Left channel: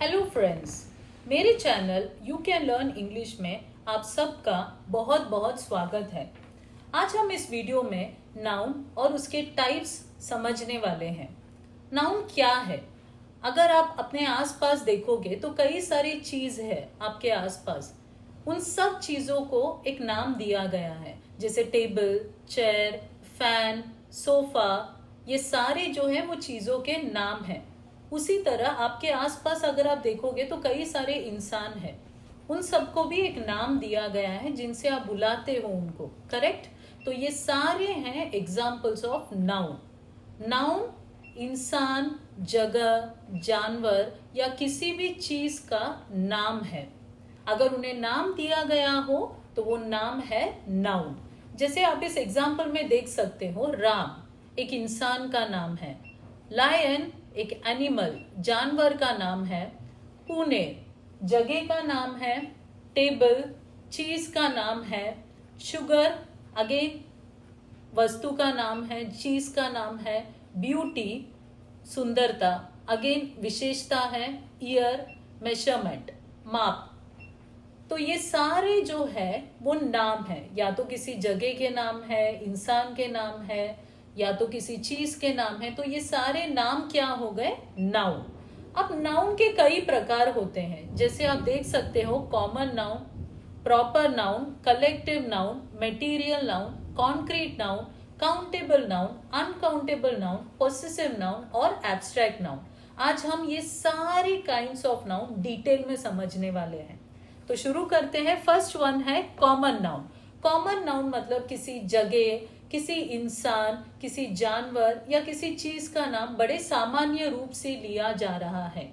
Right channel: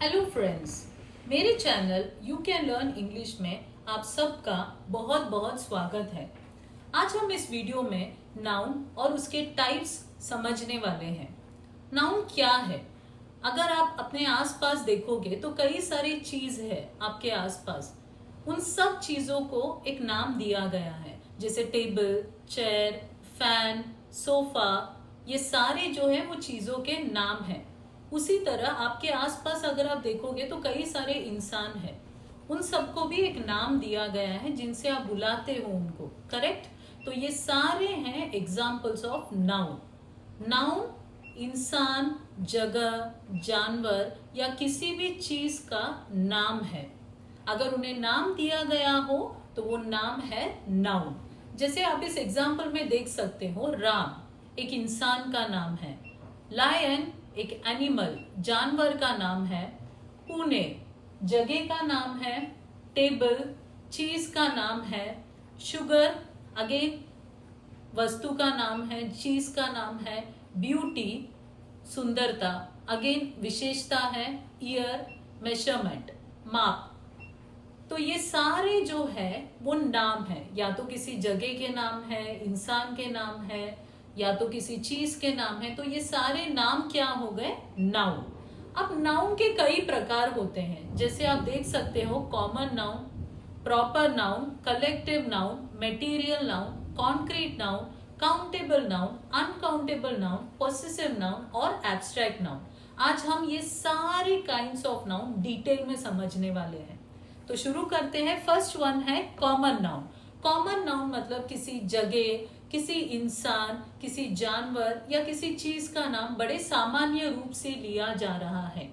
Hello friends, मेरे channel you can learn English में आप सबका बहुत बहुत स्वागत है। आज हम इस वीडियो में नाउन और उसके टाइप्स समझने वाले हैं। नाउन क्या है? अगर आप अपने आसपास देखोगे तो कई सारी चीज है आपके आसपास। उन सब चीजों को एक नाम दिया गया है, जैसे टेबल, चेयर, फैन, सोफा। ये सारे जो है वो चीजों के नाम हैं। उसी तरह आपके आसपास अगर आप देखोगे तो कई सारे इंसान हैं, उन सबको भी एक नाम दिया गया है जिनसे आप बुलाते हो उनको, करेक्ट? तो ये सारे हैं एग्जाम्पल्स ऑफ नाउन। नाउन इंसान, जगह, जानवर या किसी भी चीज का नाम है। अगर उन्हें नाम दिया गया हो तो वो नाम है नाउन। जैसे आप इस एग्जाम्पल में देख सकते हो, राम एक इंसान का नाम है, लायन एक एनिमल जानवर का नाम है, पुणे जगह का नाम है, टेबल चीज का नाम है, शुगर अगेन वस्तु का नाम है, चीज का नाम है, ब्यूटी सुंदरता अगेन विशेषता है, ईयर मेजरमेंट माप। तो ये सारे जो है वो नाम है, या तो किसी जगह के नाम है, इंसान के नाम है, या तो किसी चीज के नाम है। तो ये सारे नाम क्या हो गए? नाउन। अब नाउन के कई प्रकार होते हैं, जैसे आप देख सकते हो, common noun, proper noun, collective noun, material noun, concrete noun, countable noun, uncountable noun, possessive noun और एब्स्ट्रैक्ट नाउन। आज हम ये सारे काइंड्स ऑफ नाउन डिटेल में समझने वाले हैं। तो शुरू करते हैं। फर्स्ट वन है कॉमन नाउन। कॉमन नाउन मतलब किसी जगह, किसी इंसान, किसी जानवर या किसी चीज का नाम बड़े सामान्य रूप से लिया जा रहा है।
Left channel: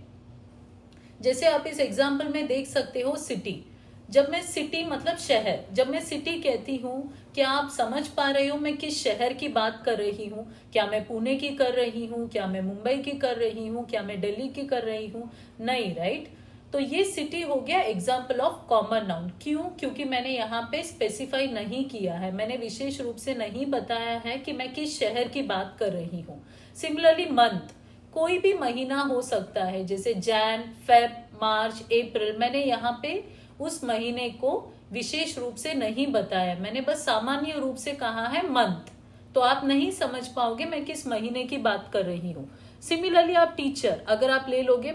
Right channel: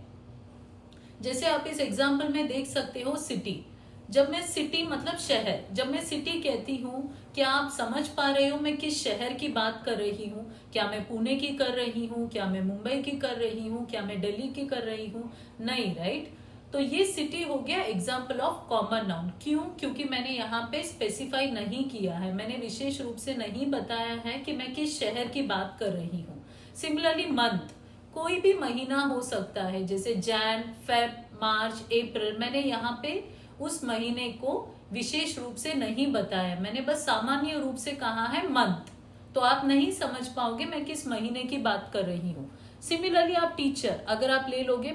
जैसे आप इस एग्जाम्पल में देख सकते हो, सिटी। जब मैं सिटी मतलब शहर, जब मैं सिटी कहती हूँ, क्या आप समझ पा रहे हो मैं किस शहर की बात कर रही हूँ? क्या मैं पुणे की कर रही हूँ? क्या मैं मुंबई की कर रही हूँ? क्या मैं दिल्ली की कर रही हूँ? नहीं, राइट? तो ये सिटी हो गया एग्जाम्पल ऑफ कॉमन नाउन। क्यों? क्योंकि मैंने यहाँ पे स्पेसिफाई नहीं किया है, मैंने विशेष रूप से नहीं बताया है कि मैं किस शहर की बात कर रही हूँ। सिमिलरली मंथ, कोई भी महीना हो सकता है, जैसे जैन, फेब, मार्च, अप्रैल। मैंने यहाँ पे उस महीने को विशेष रूप से नहीं बताया, मैंने बस सामान्य रूप से कहा है मंथ। तो आप नहीं समझ पाओगे मैं किस महीने की बात कर रही हूँ। सिमिलरली आप टीचर अगर आप ले लोगे,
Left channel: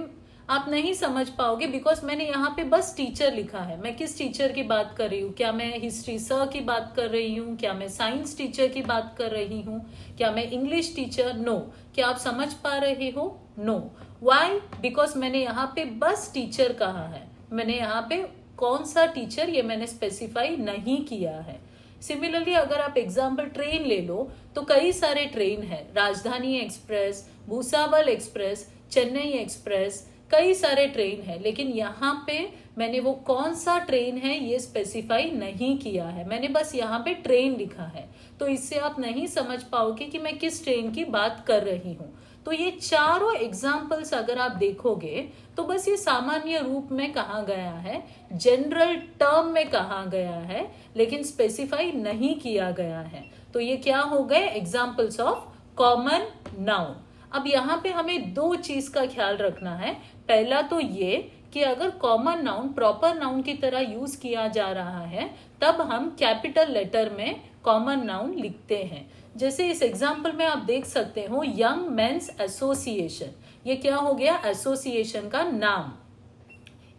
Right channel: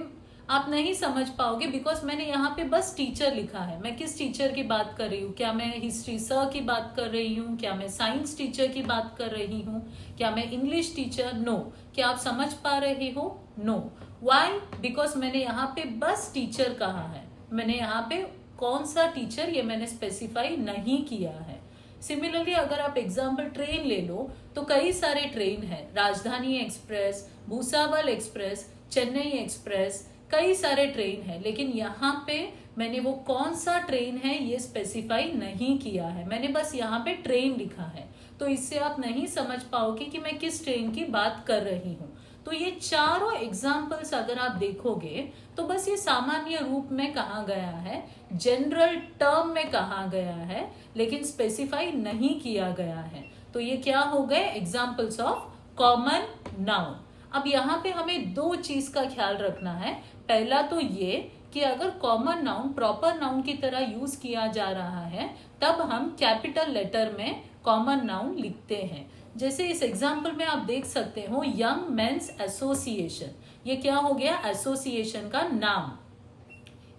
आप नहीं समझ पाओगे, बिकॉज मैंने यहाँ पे बस टीचर लिखा है। मैं किस टीचर की बात कर रही हूँ? क्या मैं हिस्ट्री सर की बात कर रही हूँ? क्या मैं साइंस टीचर की बात कर रही हूँ? क्या मैं इंग्लिश टीचर? नो। क्या आप समझ पा रहे हो? नो। व्हाई? बिकॉज मैंने यहाँ पे बस टीचर कहा है, मैंने यहाँ पे कौन सा टीचर ये मैंने स्पेसिफाई नहीं किया है। सिमिलरली अगर आप एग्जाम्पल ट्रेन ले लो तो कई सारे ट्रेन है, राजधानी express, Bhusawal express, Chennai express, कई सारे ट्रेन है। लेकिन यहाँ पे मैंने वो कौन सा ट्रेन है ये स्पेसिफाई नहीं किया है, मैंने बस यहाँ पे ट्रेन लिखा है। तो इससे आप नहीं समझ पाओगे कि मैं किस ट्रेन की बात कर रही हूँ। तो ये चारों एग्जाम्पल्स अगर आप देखोगे तो बस ये सामान्य रूप में कहा गया है, जनरल टर्म में कहा गया है, लेकिन स्पेसिफाई नहीं किया गया है। तो ये क्या हो गए? Examples of common noun. अब यहाँ पे हमें दो चीज का ख्याल रखना है। पहला तो ये कि अगर कॉमन नाउन प्रॉपर नाउन की तरह यूज किया जा रहा है तब हम कैपिटल लेटर में कॉमन नाउन लिखते हैं। जैसे इस एग्जाम्पल में आप देख सकते हो, यंग मेंस एसोसिएशन। ये क्या हो गया? एसोसिएशन का नाम।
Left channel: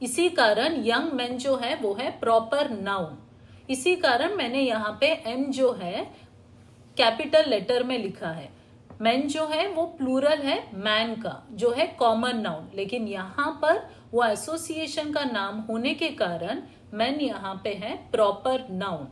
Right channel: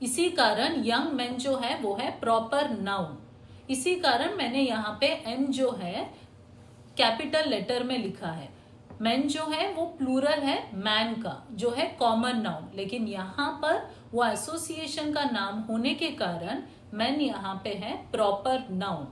इसी कारण यंग मेन जो है वो है प्रॉपर नाउन। इसी कारण मैंने यहाँ पे एन जो है कैपिटल लेटर में लिखा है। मैन जो है वो प्लूरल है मैन का, जो है कॉमन नाउन, लेकिन यहाँ पर वो एसोसिएशन का नाम होने के कारण मैन यहाँ पे है प्रॉपर नाउन।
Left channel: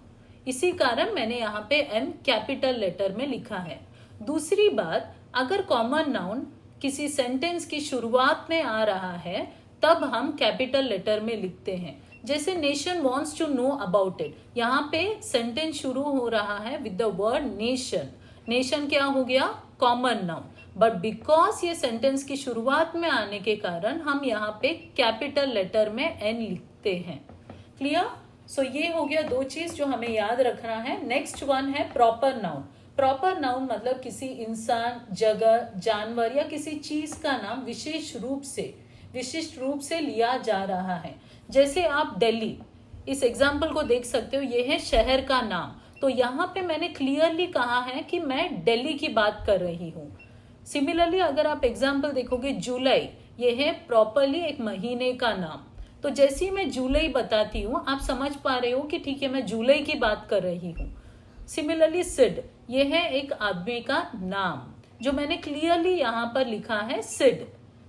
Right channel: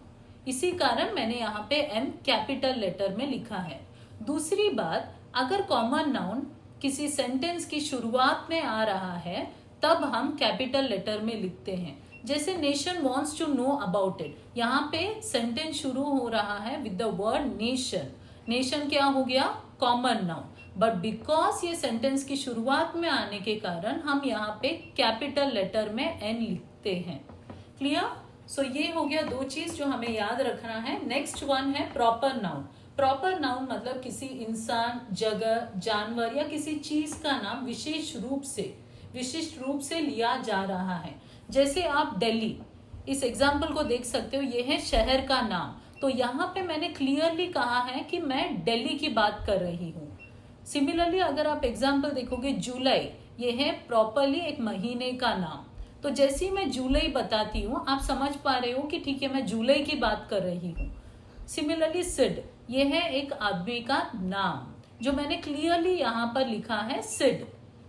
इसी कारण मैंने यहाँ पे एन कैपिटल लेटर में लिखा है। दूसरी बात, अगर कॉमन नाउन किसी सेंटेंस की शुरुआत में आ रहा है तब हम कैपिटल लेटर में लिखते हैं। जैसे nation wants to know about it, यहाँ पे सेंटेंस शुरू हो रहा है with the word nation. Nation क्या हो गया? Common noun. बट बिकॉज ये सेंटेंस की शुरुआत में आने के कारण हम यहाँ पे कैपिटल लेटर में एन लिखते हैं। क्लियर? सो ये हो गया दो चीज जो हमें याद रखना है। नेक्स्ट वन है प्रॉपर नाउन। प्रॉपर नाउन मतलब किसी इंसान, जगह, जानवर या किसी चीज का नाम विशेष रूप से विशिष्ट रूप से लिया जा रहा है। जैसे आप दिल्ली, इस एग्जाम्पल को देख सकते हो, ये है शहर का नाम। तो यहाँ पे मैंने क्लियरली कहा है कि मैं दिल्ली की बात कर रही हूँ। सिमिलरली अगर आप एग्जाम्पल देखोगे जुलाई, ये है प्रॉपरली एक महीने का नाम। तो जैसे ही मैं जुलाई बताती हूँ आप समझ पा रहे हो कि ठीक है मैं जुलाई की बात कर रही हूँ। सिमिलरली सिड, ये है एक आदमी का नाम जो मैंने क्लियरली यहाँ पर लिखा है। सिड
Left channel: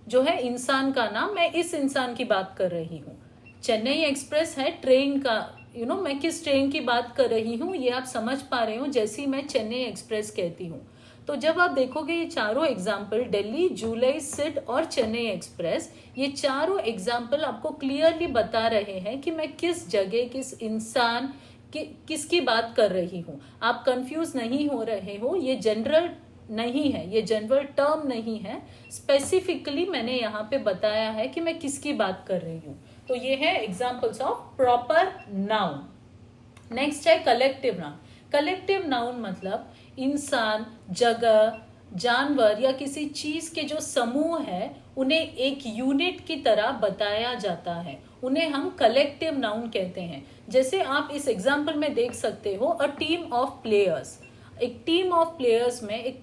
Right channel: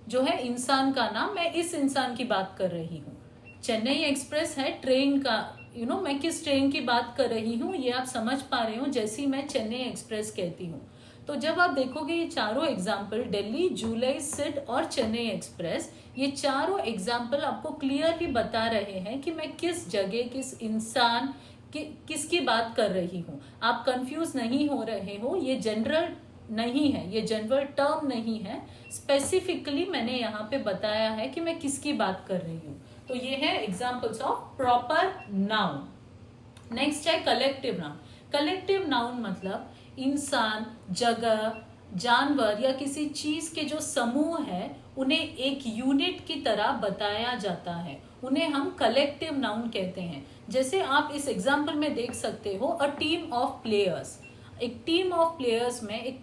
जो है इंसान का नाम, मैं इस इंसान की बात कर रही हूँ। चेन्नई एक्सप्रेस है ट्रेन का, मैं किस ट्रेन की बात कर रही हूँ ये आप समझ पा रहे हो जैसे मैं चेन्नई एक्सप्रेस कहती हूँ। तो जब आप देखोगे ये चारों एग्जाम्पल, दिल्ली, जुलाई, सिड और चेन्नई एक्सप्रेस, ये चारों एग्जाम्पल आपको क्लियरली बता रहे हैं कि मैं किस जगह, किस इंसान किसकी बात कर रही हूँ। आप कंफ्यूज नहीं हो रहे हो, ये जनरल नहीं है, ये जनरल टर्म नहीं है, स्पेसिफिकली मैंने यहाँ पे बताया है कि मैं किसकी बात कर रही हूँ। तो ये है examples of proper noun. Next है कलेक्टिव नाउन। कलेक्टिव नाउन मतलब इंसान, जगह, जानवर या किसी चीज के जो समूह है उन्हें एक यूनिट की तरह बताया जाता है, उन्हें हम कलेक्टिव नाउन कहते हैं। जैसे आप इस एग्जाम्पल में देख सकते हो, अ टीम ऑफ प्लेयर्स। एक टीम ऑफ प्लेयर्स में, एक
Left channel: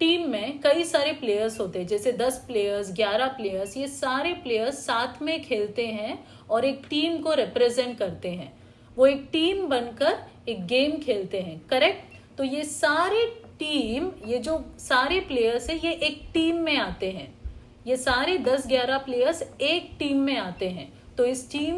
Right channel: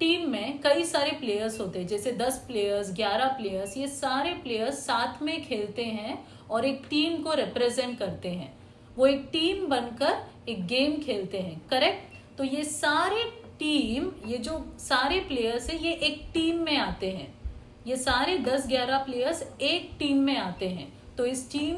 टीम में कई सारे प्लेयर्स होते हैं, जैसे 10 प्लेयर्स, 11 प्लेयर्स, ये सारे प्लेयर्स साथ में खेलते हैं और एक टीम को रिप्रेजेंट करते हैं। वो एक टीम बनकर एक गेम खेलते हैं, करेक्ट। तो ये सारे टीम, ये जो सारे प्लेयर्स है ये एक टीम में आते हैं, ये सारे 10-11 प्लेयर्स एक टीम में आते हैं। तो इस टीम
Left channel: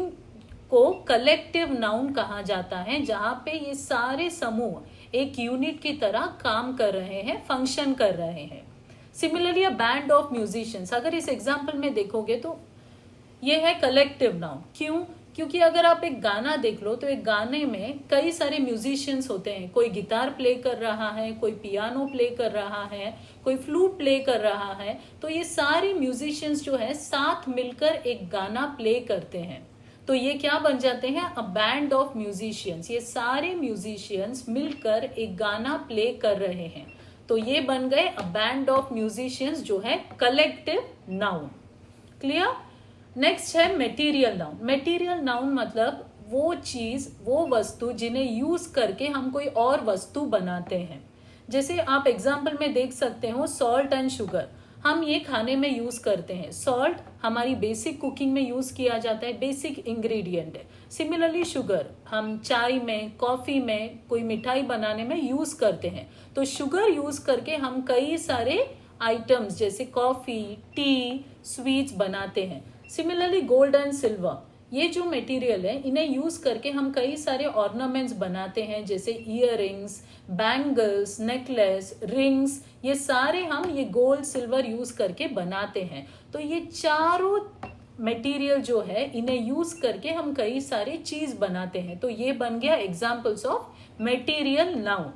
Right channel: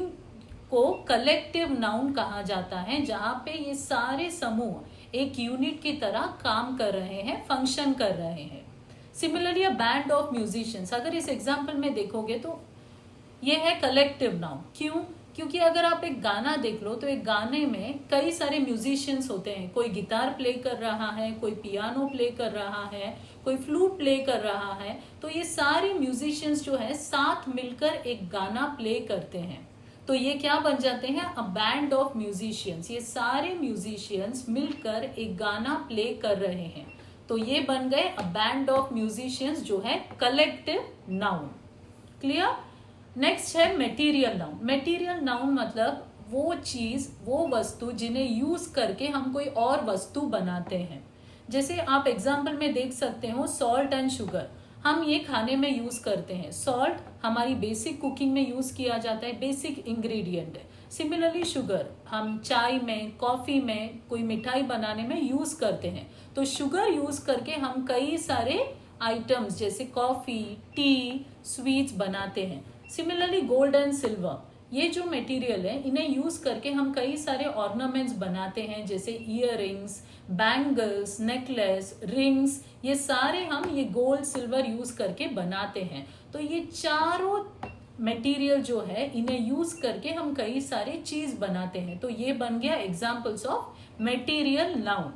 को कलेक्टिव नाउन कहा जाता है, जहां पे ये सारे समूह एक यूनिट की तरह काम कर रहे हैं, फंक्शन कर रहे हैं। Similarly a band of musicians, अगर इस एग्जाम्पल में देखोगे तो ये है कलेक्टिव नाउन। क्यों? क्योंकि अगर आप एक गाना देख लो तो एक गाने में कई सारे म्यूजिशियंस होते हैं, कोई गिटार प्ले कर रहा है, कोई पियानो प्ले कर रहा है, कोई फ्लूट प्ले कर रहा है। तो ये सारे म्यूजिशियंस जो है साथ मिलकर एक गाना प्ले करते हैं। तो ये क्या बन जाते हैं? A band of musicians. ये सारे म्यूजिशियंस मिलकर एक गाना प्ले कर रहे हैं, तो ये बन गए अ बैंड ऑफ म्यूजिशियंस, जो है कलेक्टिव नाउन। क्लियर? नेक्स्ट है मेटीरियल नाउन। मेटीरियल नाउन मतलब वो चीज, वो वस्तु जिन्हें यूज करके हम कोई और वस्तु बनाते हैं। जैसे आप एग्जाम्पल में देख सकते हो, सॉल्ट एंड शुगर, हम ये खाने में यूज करते हैं। सॉल्ट हमारी बेसिक कुकिंग में यूज किया जाता है, बेसिक इंग्रेडिएंट है। सिमिलरली शुगर हम चाय में, कॉफी में, कोई मिठाई बनाने में यूज करते हैं। तो शुगर यूज करके हम कई सारे आइटम्स जैसे कॉफी, टी, स्वीट्स बनाते हैं। सिमिलरली गोल्ड एंड सिल्वर, ये जो मटेरियल है इन्हें यूज करके हम कई सारे ऑर्नामेंट्स बनाते हैं, जैसे इयररिंग्स, बैंगल्स, नेकलेस, रिंग्स, ये सारे हम ये गोल्ड सिल्वर यूज करके बनाते हैं। तो ये चारों मटेरियल जो है इन्हें यूज करके हम कई सारी चीज बनाते हैं। तो ये बन गया examples of material noun.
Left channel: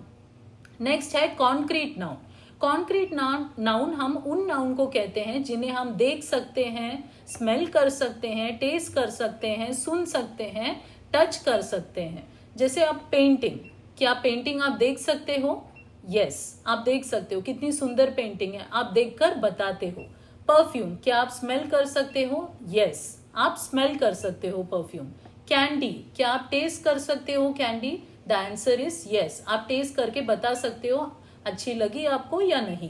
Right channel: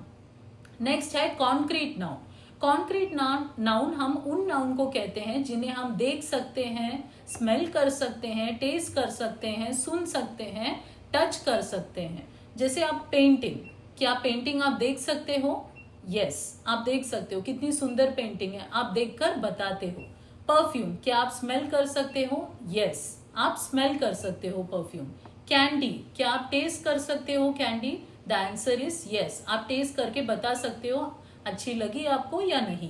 Next है कॉन्क्रीट नाउन। कॉन्क्रीट नाउन हम उन नाउन को कहते हैं जिन्हें हम देख सकते हैं, स्मेल कर सकते हैं, टेस्ट कर सकते हैं, सुन सकते हैं, टच कर सकते हैं। जैसे आप पेंटिंग, क्या पेंटिंग आप देख सकते हो? यस, आप देख सकते हो, कितनी सुंदर पेंटिंग है, आप देखकर बताते हो। परफ्यूम, क्या आप स्मेल कर सकते हो? यस, आप स्मेल कर सकते हो परफ्यूम। कैंडी, क्या आप टेस्ट कर सकते हो candy? The answer is yes, आप टेस्ट करके बता सकते हो अच्छी लगी आपको या नहीं।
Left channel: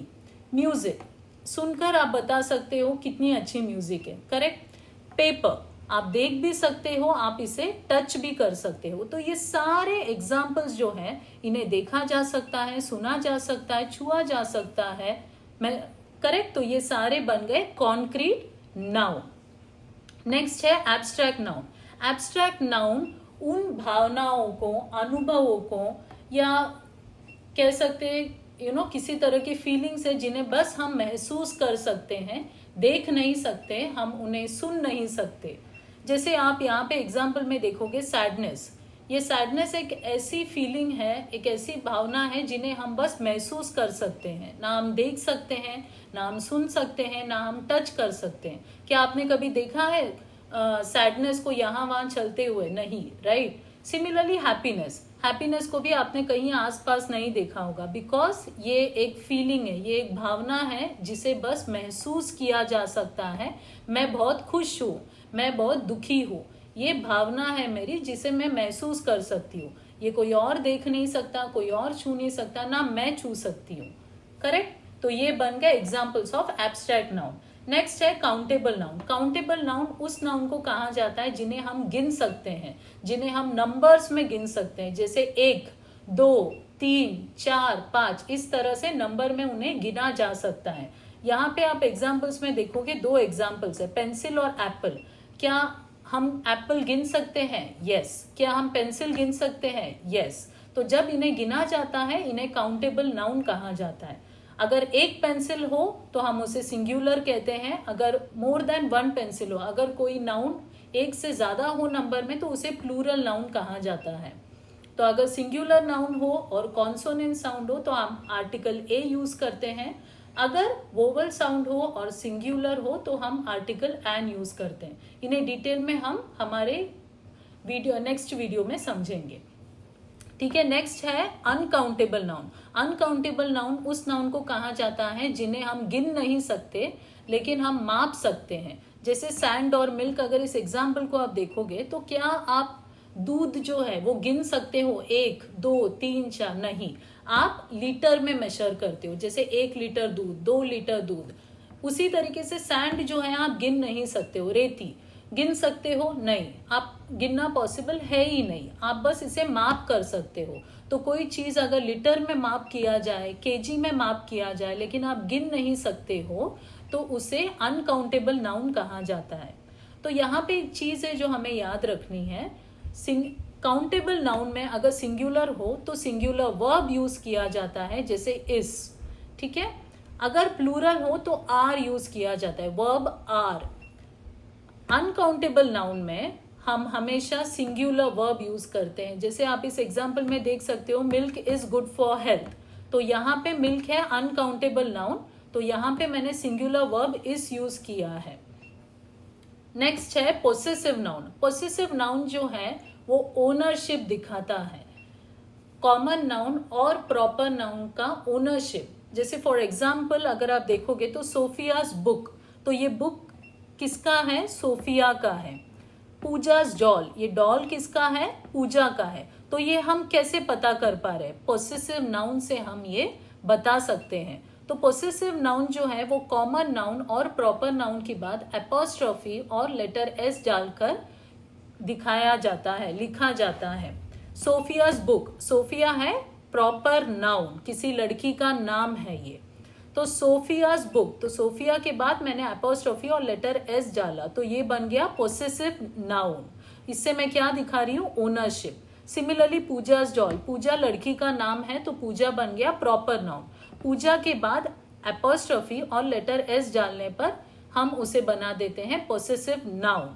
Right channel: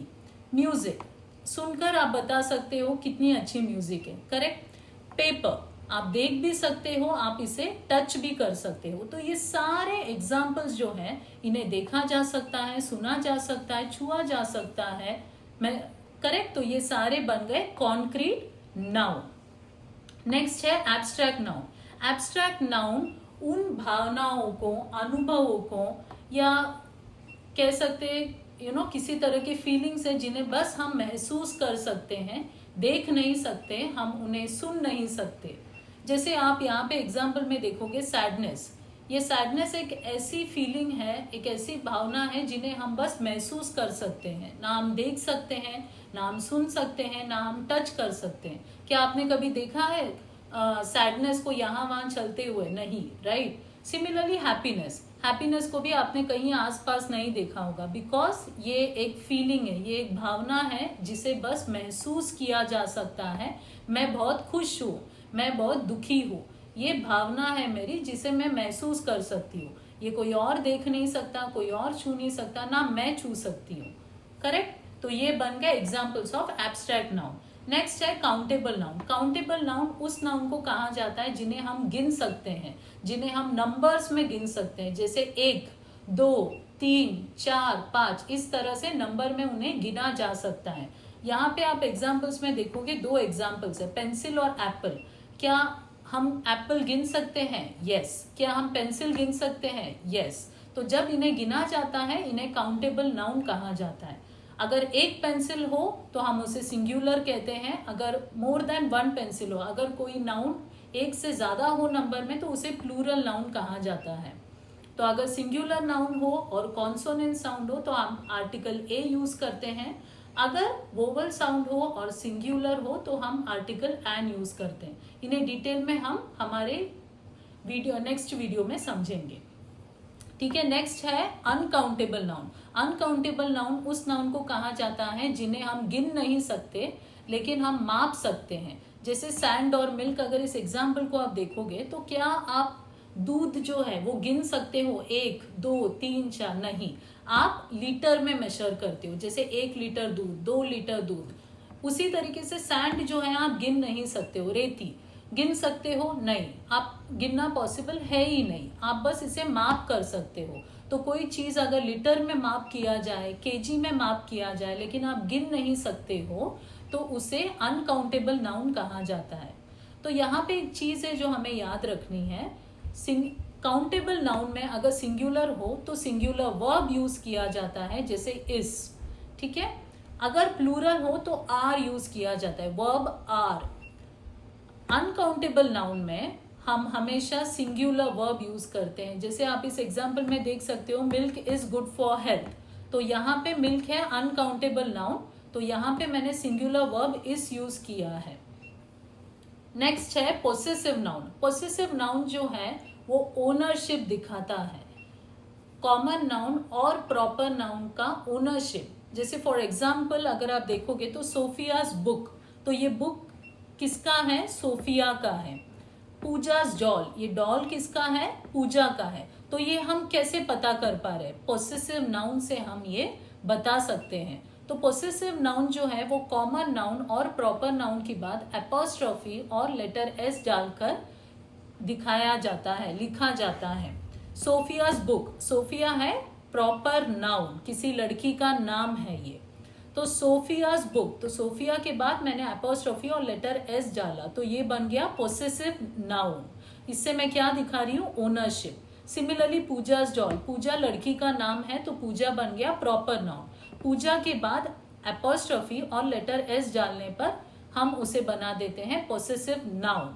म्यूजिक, सुनकर आप बता सकते हो कितनी अच्छी म्यूजिक है, करेक्ट। पेपर, आप देख भी सकते हो, आप इसे टच भी कर सकते हो। तो ये सारे एग्जाम्पल्स जो हैं इन्हें देखा जा सकता है, सुना जा सकता है, छुआ जा सकता है, मैं करेक्ट। तो ये सारे बन गए कॉन्क्रीट नाउन। नेक्स्ट है एब्स्ट्रैक्ट नाउन। एब्स्ट्रैक्ट नाउन उन भावनाओं को, अनुभवों को, या कह सकते किसी तरह की फीलिंग्स है जिन्हें बस हम महसूस कर सकते हैं, देख नहीं सकते, हम उन्हें सुन नहीं सकते। जैसे आप यहाँ पे एग्जाम्पल में देखोगे सैडनेस, ये सैडनेस एक ऐसी फीलिंग है, एक ऐसी भावना है जिन्हें हम बस महसूस कर सकते हैं, ना हम देख सकते हैं, ना हम सुन सकते हैं, ना हम टच कर सकते हैं। क्या आपने कभी देखा है सैडनेस को यहाँ वहां चलते हुए? नहीं, राइट। सिमिलरली हैप्पीनेस, हैप्पीनेस को भी आपने कहीं आसपास नहीं देखा होगा, बिकॉज ये एक फीलिंग है, ये एक भावना है जिसे बस महसूस किया जा सकता है, मैं बहुत खुश हूँ, मैं बहुत दुखी हूँ। ये भावना है मेरी जिसे मैं महसूस कर सकती हूँ। ये कोई और देख नहीं सकता, कोई और छू नहीं सकता, ना मैं छू सकती हूँ। करेक्ट? तो ये बन गया examples of abstract noun. Next है काउंटेबल नाउन। काउंटेबल नाउन उस नाउन को कहा जाता है जिन्हें हम गिन सकते हैं, जिन्हें हम नंबर्स में गिन सकते हैं, जैसे 1, 2, 3, 4, 5, इस तरह से नंबर में उन्हें गिना जा सकता है। यहाँ पे आप एग्जाम्पल्स में देखोगे 2 एग्जाम्पल्स है, पेंसिल और एप्पल। क्या हम एप्पल गिन सकते हैं? यस। क्या हम पेंसिल गिन सकते हैं? यस। तो जब इन्हें गिना जाता है इन्हें काउंटेबल नाउन कहा जाता है। अगर एक पेंसिल हो तो हम उसे सिंगुलर कहते हैं। अगर मोर देन 1 पेंसिल हो, अगर कोई नाउन एक से ज्यादा हो नंबर में, तो उसे प्लूरल नाउन कहा जाता है। तो अगर सिंगुलर नाउन हो और कॉन्सोनेंट साउंड हो तो हम आर्टिकल ए यूज करते हैं। अगर वोवल साउंड हो और सिंगुलर हो तो हम आर्टिकल एन यूज करते हैं। इन्हें डिटेल में हम हमारे नेक्स्ट वीडियो में समझेंगे। ठीक है। नेक्स्ट है अनकाउंटेबल नाउन। अनकाउंटेबल नाउन उस नाउन को कहा जाता है जिन्हें हम गिन नहीं सकते लेकिन हम माप सकते हैं। जैसे सैंड और मिल्क। अगर इस एग्जाम्पल को आप देखोगे तो क्या आप दूध जो है वो गिन सकते हो? 1, 2, 3, 4? नहीं, आप लीटर में मेजर करते हो। जैसे 1 लीटर दूध, 2 लीटर दूध। उसी तरीके से सैंड जो है आप गिन नहीं सकते हो। रेती गिन सकते हो? नहीं, आप गिनना पॉसिबल है ही नहीं। आप बस इसे माप कर सकते हो। तो कोई चीज अगर लीटर में माप किया जाए, केजी में माप किया जाए, लेकिन आप गिन नहीं सकते हो तो उसे अनकाउंटेबल नाउन कहा जाता है। तो यहाँ पे एक चीज है जो हमें याद रखनी है। काउंटेबल नाउन में अगर सिंगुलर हो तो सिंगुलर वर्ब यूज किया जाता है, जैसे इज। ठीक है। अगर प्लूरल हो तो आर यूज किया जाता है, वर्ब आर। अनकाउंटेबल नाउन में हम हमेशा सिंगुलर वर्ब यूज करते हैं। जैसे आप इस एग्जांपल में देख सकते हो, milk is good for health. तो यहाँ पे मिल्क है अनकाउंटेबल नाउन, तो यहाँ पे मैंने सिंगुलर वर्ब इज यूज किया है। नेक्स्ट है पोसेसिव नाउन। पोसेसिव नाउन जो है वो ओनरशिप दिखाता है। कॉमन नाउन और प्रॉपर नाउन का ओनरशिप। जैसे फॉर एग्जाम्पल अगर आप देखोगे तो सोफियाज बुक, तो ये बुक किसका है? सोफिया का है। पूजाज डॉल, ये डॉल किसका है? पूजा का है। तो ये हम कैसे पता कर पा रहे हैं? पोसेसिव नाउन से हम ये बता सकते हैं। तो पोसेसिव नाउन जो है वो कॉमन नाउन और प्रॉपर नाउन के बाद एपोस्ट्रोफी और लेटर एस डालकर दिखाया जाता है, लिखा जाता है। सोफियाज बुक, सोफिया है प्रॉपर नाउन, किसी लड़की का नाम है ये। तो सोफियाज बुक, तो सोफिया के बाद मैंने एपोस्ट्रोफी और लेटर एस डाला, तो ये बन गया पोसेसिव नाउन। इससे मैं क्या दिखा रही हूँ? ओनरशिप। सिमिलरली पूजाज डॉल, पूजा लड़की का नाम है तो पूजा बन गया प्रॉपर नाउन। पूजा के बाद एपोस्ट्रोफी और लेटर एस डालने पर हम उसे बना देते हैं पोसेसिव नाउन।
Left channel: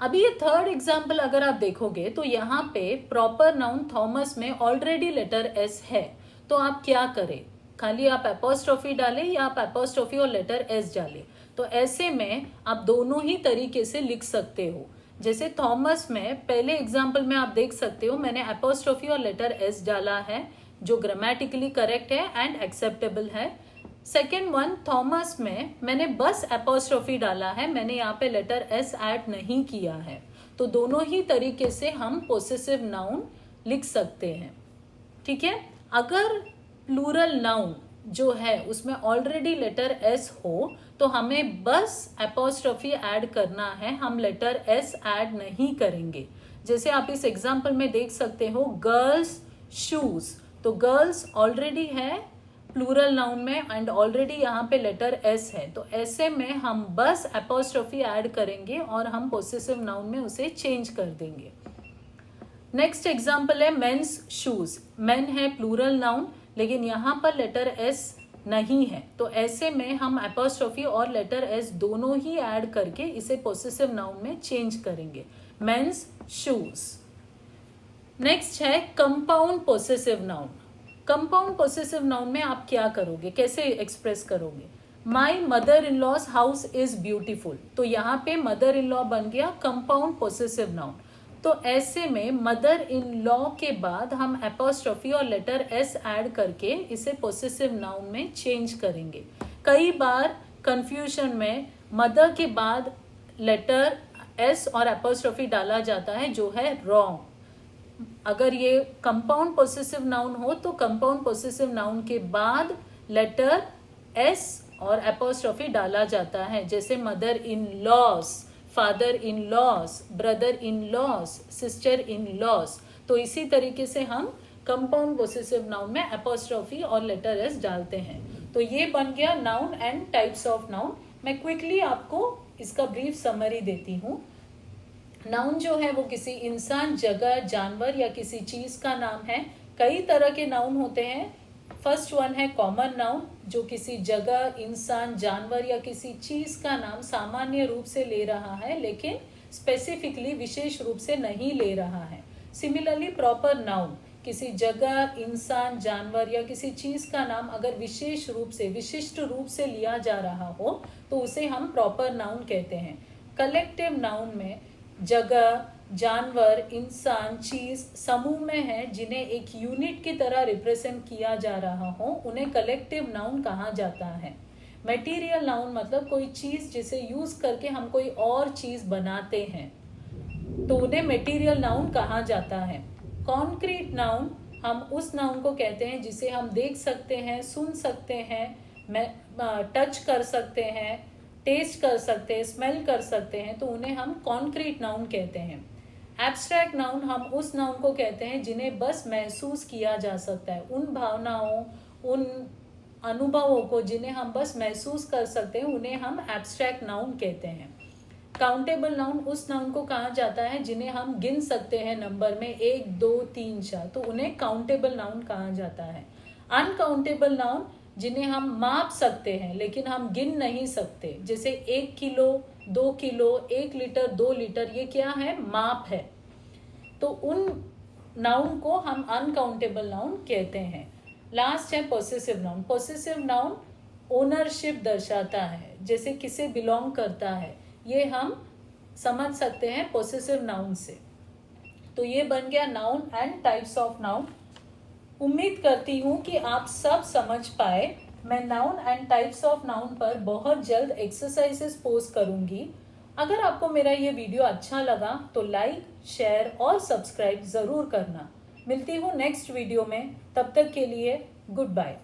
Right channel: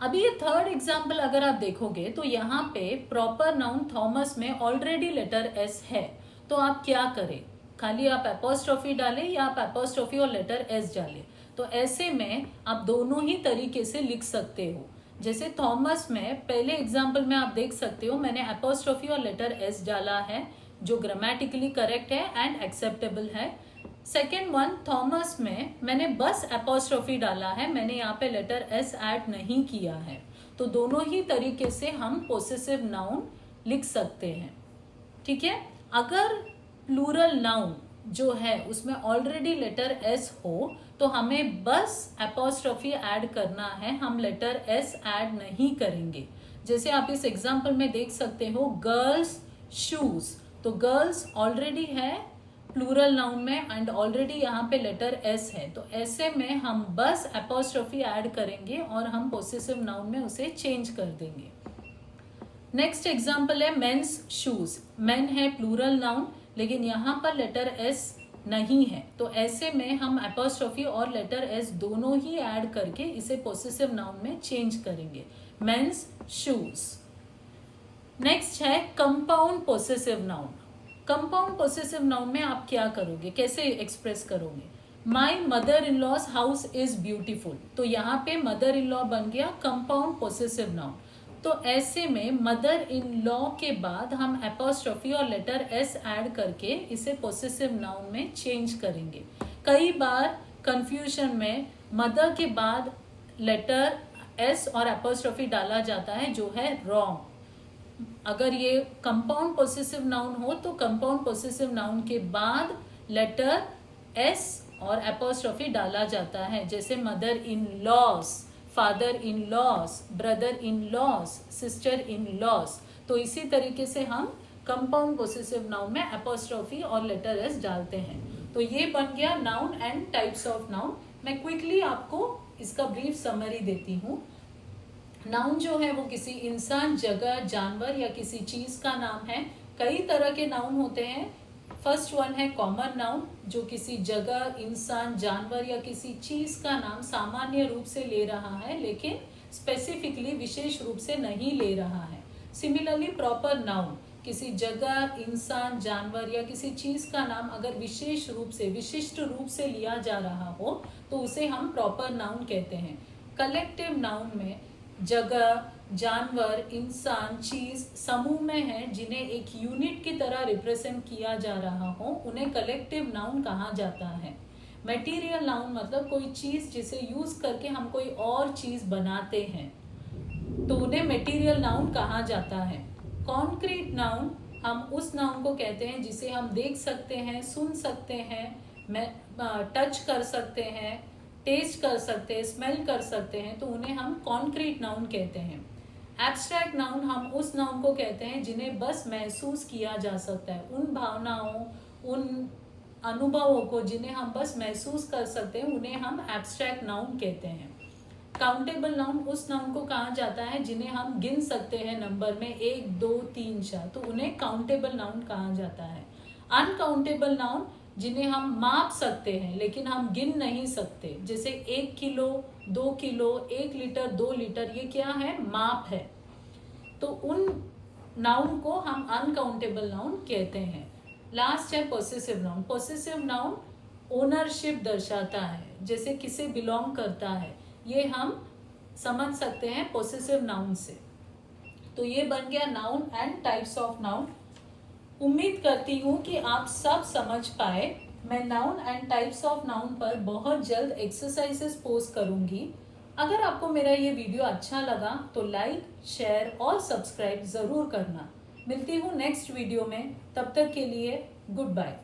अभी ये थर्ड एग्जाम्पल अगर आप देखोगे तो यहाँ पे प्रॉपर नाउन थॉमस में ऑलरेडी लेटर एस है, तो आप क्या करें? खाली आप एपोस्ट्रोफी डालें या आप एपोस्ट्रोफी और लेटर एस डालें? तो ऐसे में आप दोनों ही तरीके से लिख सकते हो। जैसे थॉमस में पहले एग्जाम्पल में आप देख सकते हो मैंने एपोस्ट्रोफी और लेटर एस डाला है, जो ग्रामेटिकली करेक्ट है एंड एक्सेप्टेबल है। सेकेंड वन थॉमस में मैंने बस एपोस्ट्रोफी डाला है, मैंने यहाँ पे लेटर एस ऐड नहीं किया है। तो दोनों ही तरीके से हम पोसेसिव नाउन लिख सकते हैं। ठीक है। अगर प्लूरल नाउन जो है उसमें ऑलरेडी लेटर एस हो तो हमें बस एपोस्ट्रोफी ऐड करना है, हम लेटर एस ऐड नहीं करेंगे। जैसे आप इस एग्जाम्पल में देख सकते हो गर्ल्स शूज, तो गर्ल्स ऑलरेडी है प्लूरल नाउन में एंड ऑलरेडी यहाँ पे लेटर एस है, तो ऐसे में हम बस एपोस्ट्रोफी ऐड करेंगे और हम पोसेसिव नाउन में उसे चेंज कर देंगे। नेक्स्ट एग्जाम्पल है मेंस शूज। मेन है प्लूरल नाउन लेकिन यहाँ पर लेटर एस नहीं है, तो ऐसे में हम एपोस्ट्रोफी और लेटर एस दोनों ही ऐड करके इसे पोसेसिव नाउन में चेंज करेंगे, मेंस शूज। नेक्स्ट है compound possessive noun. Compound possessive noun में आप क्या करोगे, कैसे एक्सप्रेस करोगे? My mother in law's house is beautiful, तो यहाँ पे मदर इन लॉ बन गया कंपाउंड पोसेसिव नाउन। तो ऐसे में मदर इन लॉ के बाद हम एपोस्ट्रोफी और लेटर एस ऐड करके इसे पोसेसिव नाउन में चेंज करेंगे। कई बार कंफ्यूजन में मदर के बाद लेटर एस और एपोस्ट्रोफी डाला जाता है, जो है रॉन्ग। अगर ये कंपाउंड पोसेसिव नाउन हो तो कंपाउंड पोसेसिव नाउन के बाद लेटर एस और एपोस्ट्रोफी डाला जाता है, जैसे mother in loss, father in loss, brother in loss, sister in loss. तो इसी तरीके से हम कंपाउंड पोसेसिव नाउन में एपोस्ट्रोफी और लेटर एस डालते हैं। तो ये बन गया noun and types of noun. मैं क्विकली आपको इसका ब्रीफ समरी देती हूँ। नाउन जो है वो किसी इंसान, जगह, जानवर या किसी चीज का नाम है। कई तरह के नाउन होते हैं। फर्स्ट वन है कॉमन नाउन, जो किसी जगह, इंसान, जानवर या किसी चीज का नाम सामान्य रूप से ले रहा है, लेकिन स्पेसिफिकली विशेष रूप से नहीं ले रहा है। सिमिलरली प्रॉपर नाउन, किसी जगह, इंसान, जानवर या किसी चीज का नाम अगर विशेष रूप से, विशिष्ट रूप से लिया जा रहा हो तो उसे हम प्रॉपर नाउन कहते हैं। कलेक्टिव नाउन में जगह, जानवर, इंसान, चीज समूह में है जिन्हें एक यूनिट की तरह रिप्रेजेंट किया जा रहा हो, उन्हें कलेक्टिव नाउन कहा जाता है। मटेरियल नाउन मतलब कोई चीज जिसे यूज करके हम कोई और चीज बनाते हैं, तो उन्हें मटेरियल नाउन कहा जाता है। कॉन्क्रीट नाउन, हम उस नाउन को कहते हैं जिसे हम देख सकते हैं, सुन सकते हैं, टच कर सकते हैं, टेस्ट कर सकते हैं, स्मेल कर सकते हैं, तो उन्हें हम कॉन्क्रीट नाउन कहते हैं। एब्स्ट्रैक्ट नाउन, हम उस नाउन को कहते हैं जिन्हें बस महसूस किया जा सकता है, उन भावनाओं, उन अनुभवों को जिन्हें हम बस महसूस कर सकते हैं, उन्हें हम एब्स्ट्रैक्ट नाउन कहते हैं। काउंटेबल नाउन, उस नाउन को कहा जाता है जिन्हें हम गिन सकते हैं नंबर में 1, 2, 3, 4, तो उन्हें काउंटेबल नाउन कहा जाता है। अनकाउंटेबल नाउन, जिन्हें हम माप सकते हैं लेकिन हम गिन नहीं सकते, जैसे 1 किलो, 2 किलो, 1 लीटर, 2 लीटर, ये क्या है? माप है। तो उन नाउन को हम अनकाउंटेबल नाउन कहते हैं। लास्ट है possessive noun. Possessive noun ownership दर्शाता है, जैसे किसे बिलोंग करता है, ये हम समझ सकते हैं पोसेसिव नाउन से। तो ये बन गया noun and types of noun. उम्मीद करती हूँ कि आप सब समझ पाए। मैं noun and types of noun पर बहुत जल्द एक्सरसाइजेस पोस्ट करूंगी। अगर आपको मेरा ये वीडियो अच्छा लगा तो लाइक, शेयर और सब्सक्राइब जरूर करना। मिलती हूँ नेक्स्ट वीडियो में, तब तक के लिए गुड बाय।